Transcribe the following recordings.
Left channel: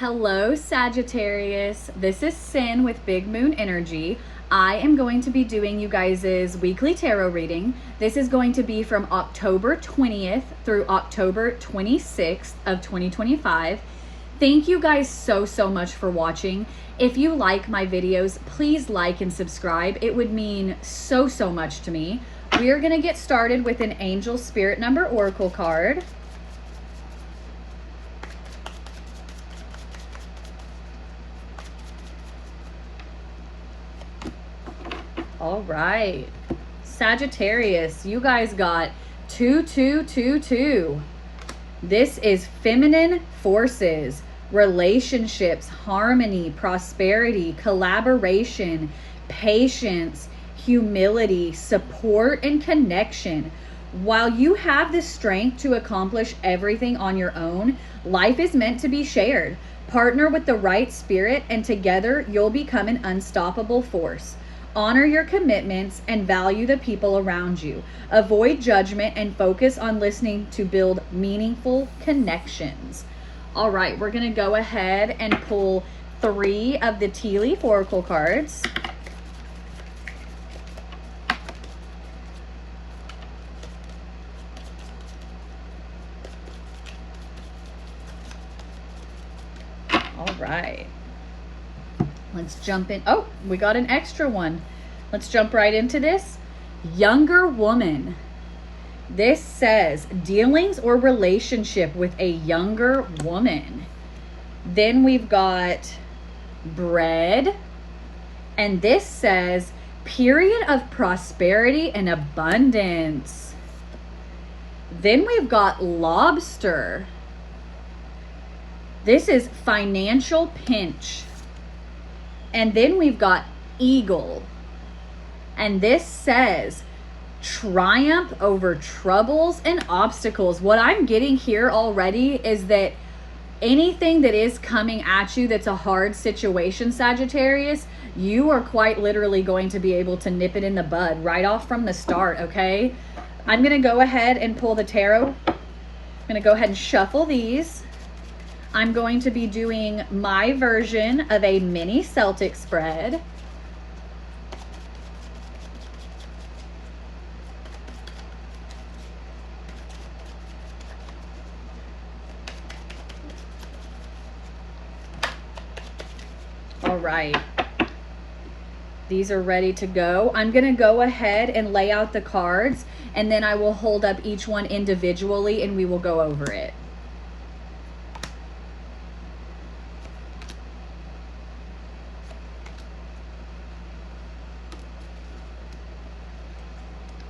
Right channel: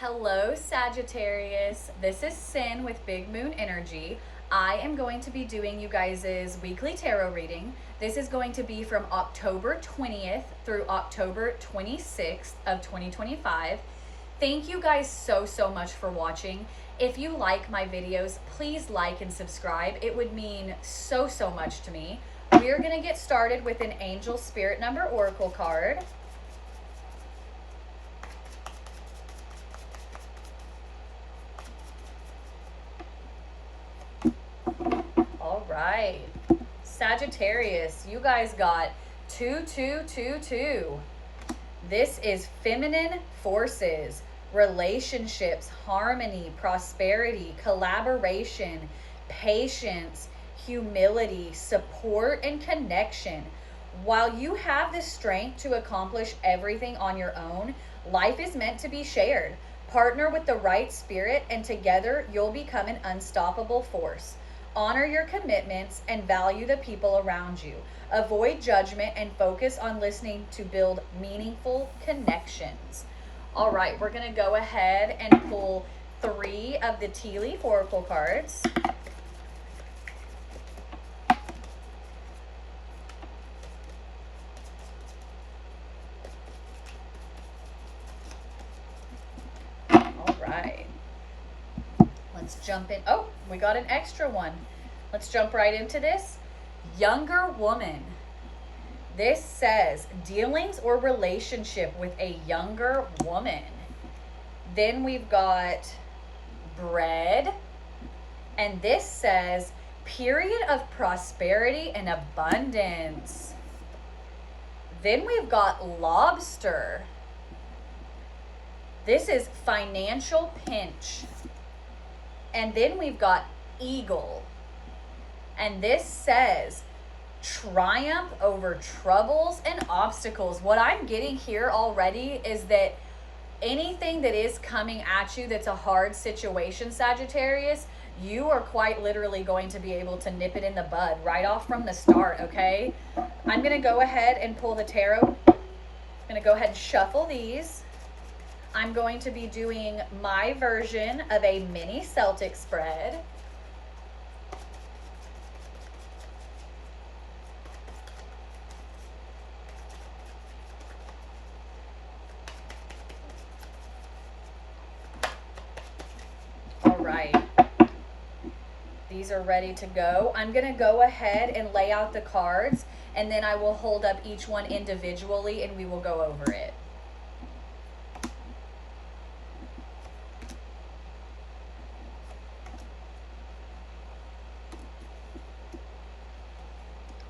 Hello, Sagittarius. This is Sin with Big Moon Energy. I am going to be doing you guys' weekly tarot reading. This is going to be from October 20th through October 26th of 2025. Thank you guys so much for watching. If you like my videos, please like and subscribe. It would mean so much to me. We are going to get started with an Angel Spirit Number Oracle card. All right, Sagittarius, you guys got 2222. This is feminine forces, relationships, harmony, prosperity, collaboration, patience, humility, support, and connection. While you have the strength to accomplish everything on your own, life is meant to be shared. Partner with the right spirit, and together you'll become an unstoppable force. Honor your commitments and value the people around you. Avoid judgment and focus on listening to build meaningful connections. All right, we're going to go ahead and pull 3 of the Tea Leaf Oracle cards. All right. Let's jump in. Oh, we got an extra one. Let's jump right into this. Younger woman. This says dealings or relationship with a younger woman. Then we've got bread. And this says period of prosperity and abundance. Then we've got lobster. This is financial pinch. And then we've got eagle. And this says triumph over troubles and obstacles. What I'm getting here already is that anything that is coming at you that's a hard situation, Sagittarius, you are quite literally going to be able to nip it in the bud right off from the start, okay? I'm going to go ahead and pull the tarot. I'm going to go ahead and shuffle these. I'm going to be doing my version of a mini Celtic spread. All right. These are ready to go. I'm going to go ahead and lay out the cards, and then I will hold up each one individually and we will go over it.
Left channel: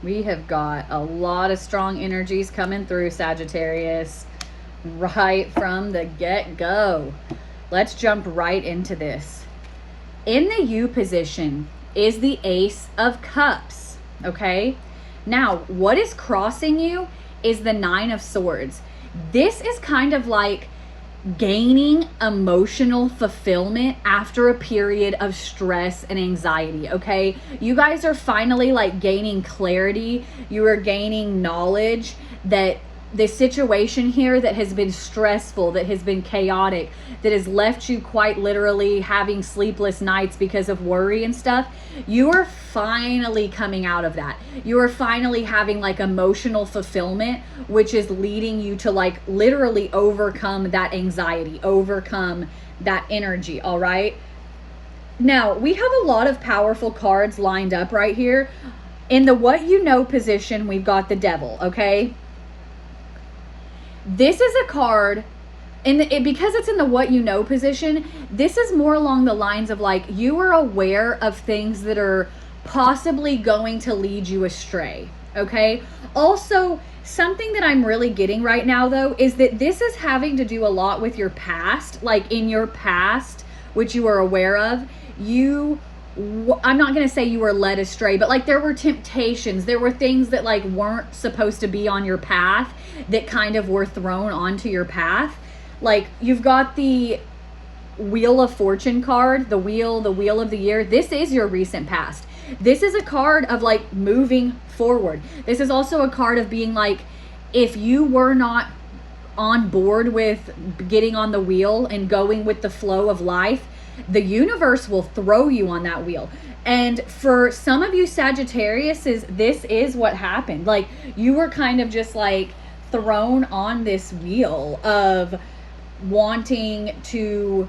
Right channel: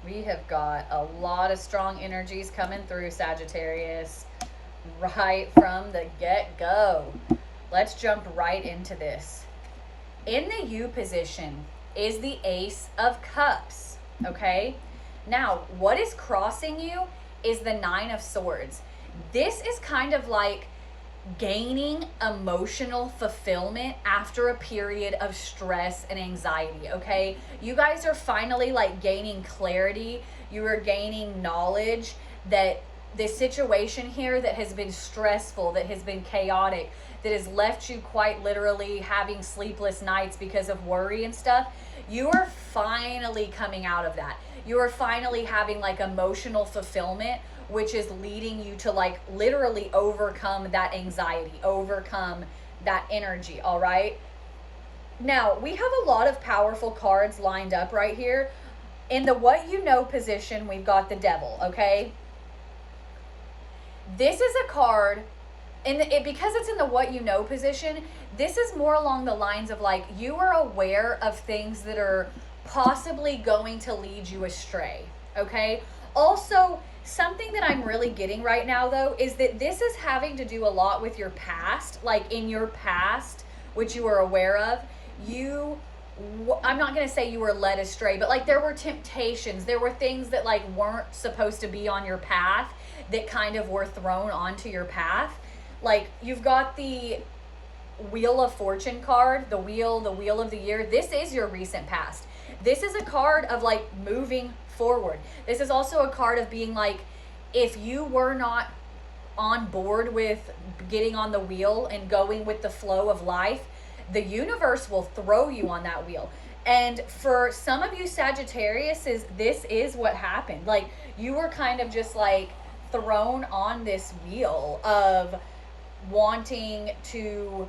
We have got a lot of strong energies coming through, Sagittarius, right from the get-go. Let's jump right into this. In the U position is the Ace of Cups, okay? Now, what is crossing you is the Nine of Swords. This is kind of like gaining emotional fulfillment after a period of stress and anxiety, okay? You guys are finally like gaining clarity. You are gaining knowledge that the situation here that has been stressful, that has been chaotic, that has left you quite literally having sleepless nights because of worry and stuff, you are finally coming out of that. You are finally having like emotional fulfillment, which is leading you to like literally overcome that anxiety, overcome that energy, all right? Now, we have a lot of powerful cards lined up right here. In the what you know position, we've got the Devil, okay? This is a card, because it's in the what you know position, this is more along the lines of like you are aware of things that are possibly going to lead you astray, okay? Also, something that I'm really getting right now though is that this is having to do a lot with your past. Like in your past, which you are aware of, I'm not going to say you were led astray, but like there were temptations, there were things that like weren't supposed to be on your path that kind of were thrown onto your path. Like you've got the Wheel of Fortune card, the wheel of the year. This is your recent past. This is a card of like moving forward. This is also a card of being like, if you were not on board with getting on the wheel and going with the flow of life, the universe will throw you on that wheel. And for some of you Sagittariuses, this is what happened. Like, you were kind of just like thrown on this wheel of wanting to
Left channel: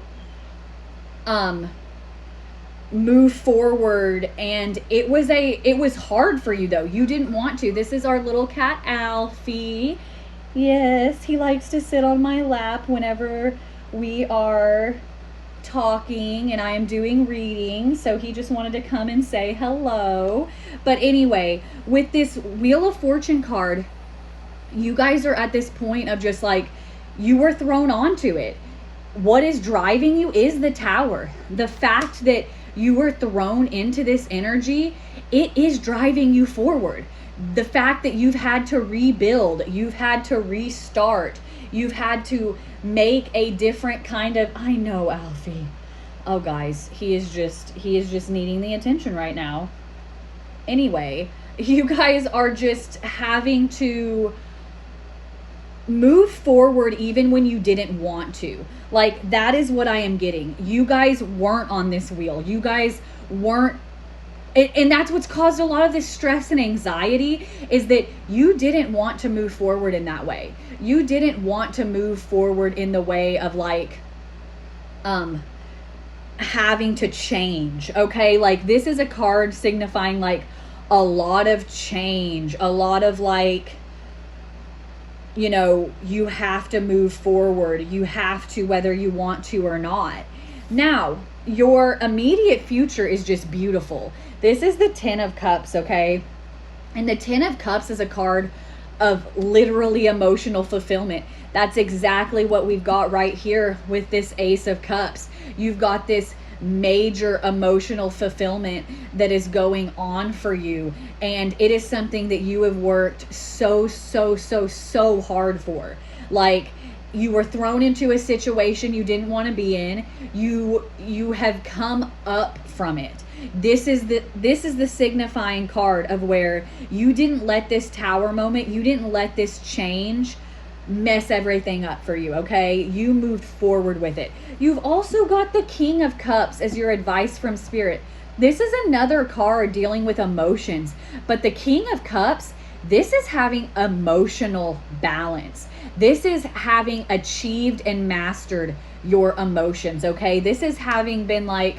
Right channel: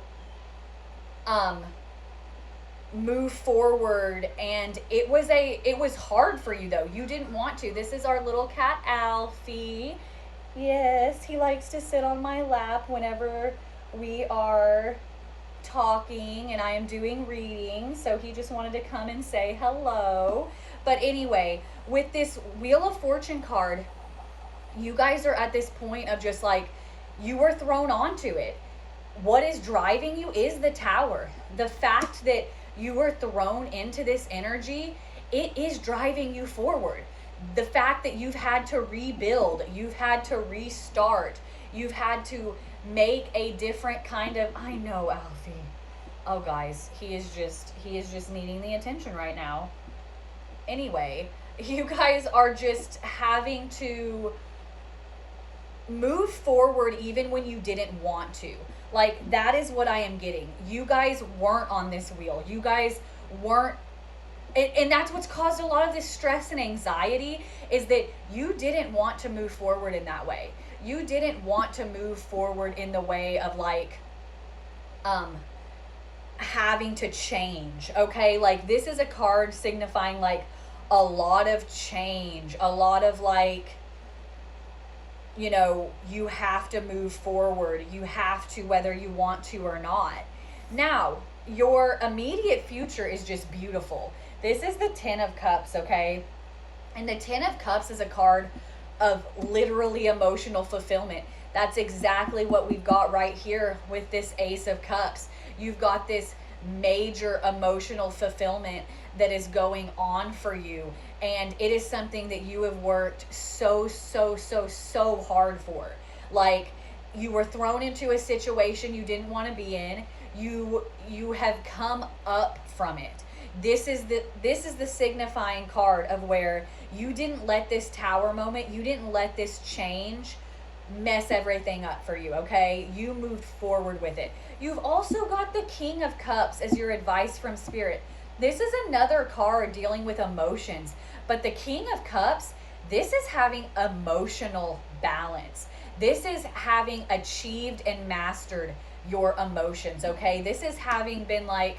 move forward, and it was hard for you though. You didn't want to. This is our little cat Alfie. Yes, he likes to sit on my lap whenever we are talking and I am doing reading, so he just wanted to come and say hello. But anyway, with this Wheel of Fortune card, you guys are at this point of just like, you were thrown onto it. What is driving you is the Tower. The fact that you were thrown into this energy, it is driving you forward. The fact that you've had to rebuild, you've had to restart, you've had to make a different kind of, I know, Alfie. Oh guys, he is just needing the attention right now. Anyway, you guys are just having to move forward even when you didn't want to. Like, that is what I am getting. You guys weren't on this wheel. You guys weren't, and that's what's caused a lot of this stress and anxiety, is that you didn't want to move forward in that way. You didn't want to move forward in the way of like having to change. Okay, like, this is a card signifying like a lot of change, a lot of like, you know, you have to move forward. You have to, whether you want to or not. Now, your immediate future is just beautiful. This is the Ten of Cups, okay? And the Ten of Cups is a card of literally emotional fulfillment. That's exactly what we've got right here with this Ace of Cups. You've got this major emotional fulfillment that is going on for you, and it is something that you have worked so hard for. Like, you were thrown into a situation you didn't want to be in. You have come up from it. This is the signifying card of where you didn't let this Tower moment, you didn't let this change mess everything up for you, okay? You moved forward with it. You've also got the King of Cups as your advice from Spirit. This is another card dealing with emotions, but the King of Cups, this is having emotional balance. This is having achieved and mastered your emotions, okay? This is having been like,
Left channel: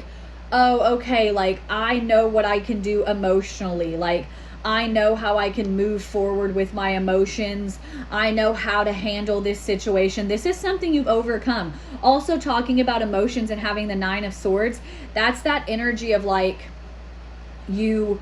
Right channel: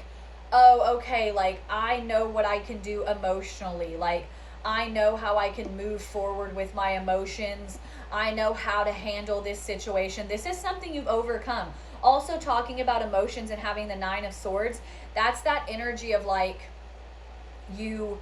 oh, okay, like, I know what I can do emotionally. Like, I know how I can move forward with my emotions. I know how to handle this situation. This is something you've overcome. Also, talking about emotions and having the Nine of Swords, that's that energy of like you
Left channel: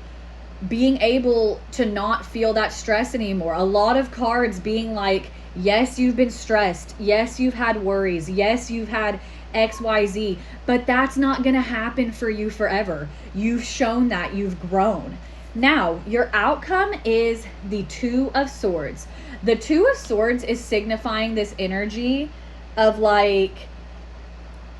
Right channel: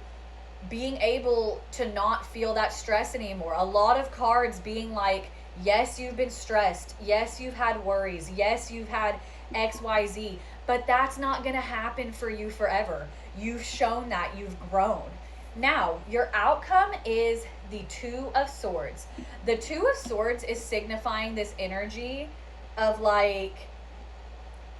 being able to not feel that stress anymore. A lot of cards being like, yes, you've been stressed. Yes, you've had worries. Yes, you've had XYZ, but that's not going to happen for you forever. You've shown that you've grown. Now, your outcome is the Two of Swords. The Two of Swords is signifying this energy of like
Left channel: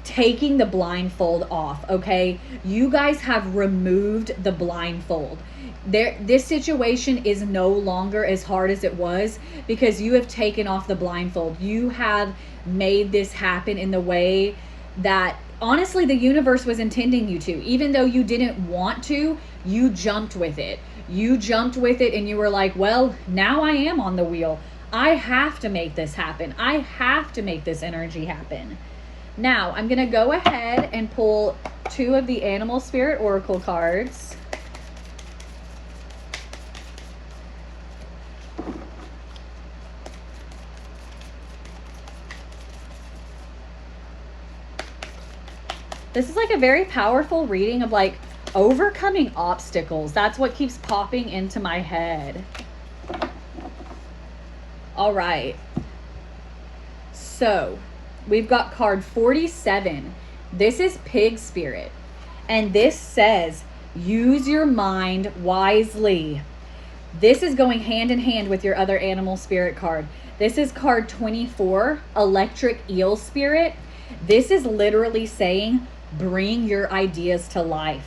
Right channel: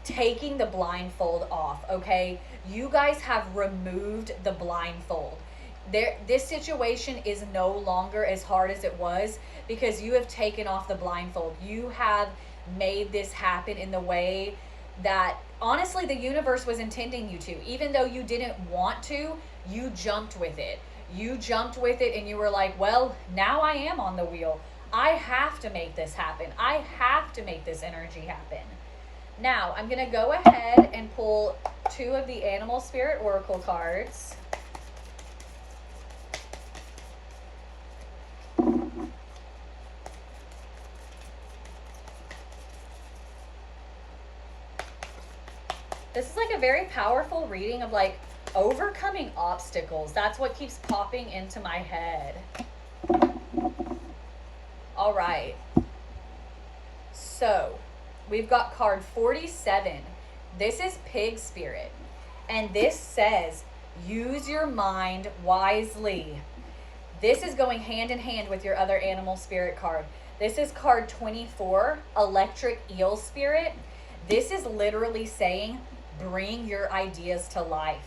taking the blindfold off, okay? You guys have removed the blindfold. This situation is no longer as hard as it was because you have taken off the blindfold. You have made this happen in the way that honestly the universe was intending you to. Even though you didn't want to, you jumped with it. You jumped with it and you were like, well, now I am on the wheel. I have to make this happen. I have to make this energy happen. Now, I'm going to go ahead and pull two of the Animal Spirit Oracle cards. This is like a very powerful reading of like overcoming obstacles. That's what keeps popping into my head. All right. So we've got card 47. This is Pig Spirit. And this says, use your mind wisely. This is going hand in hand with your other Animal Spirit card. This is card 24, Electric Eel Spirit. This is literally saying, bring your ideas to life.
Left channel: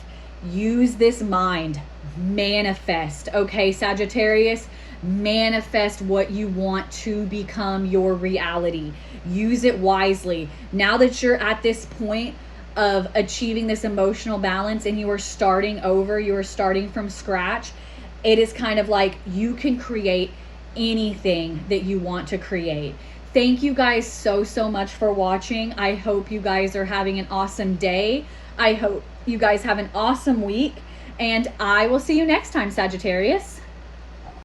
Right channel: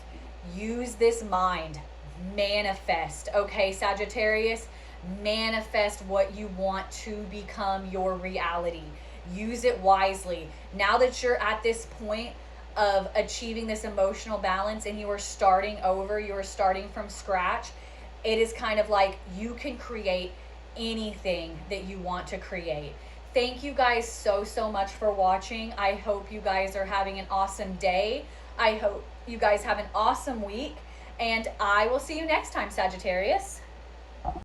Use this mind. Manifest. Okay, Sagittarius, Manifest what you want to become your reality. Use it wisely. Now that you're at this point of achieving this emotional balance and you are starting over, you are starting from scratch, it is kind of like you can create anything that you want to create. Thank you guys so much for watching. I hope you guys are having an awesome day. I hope you guys have an awesome week, and I will see you next time, Sagittarius.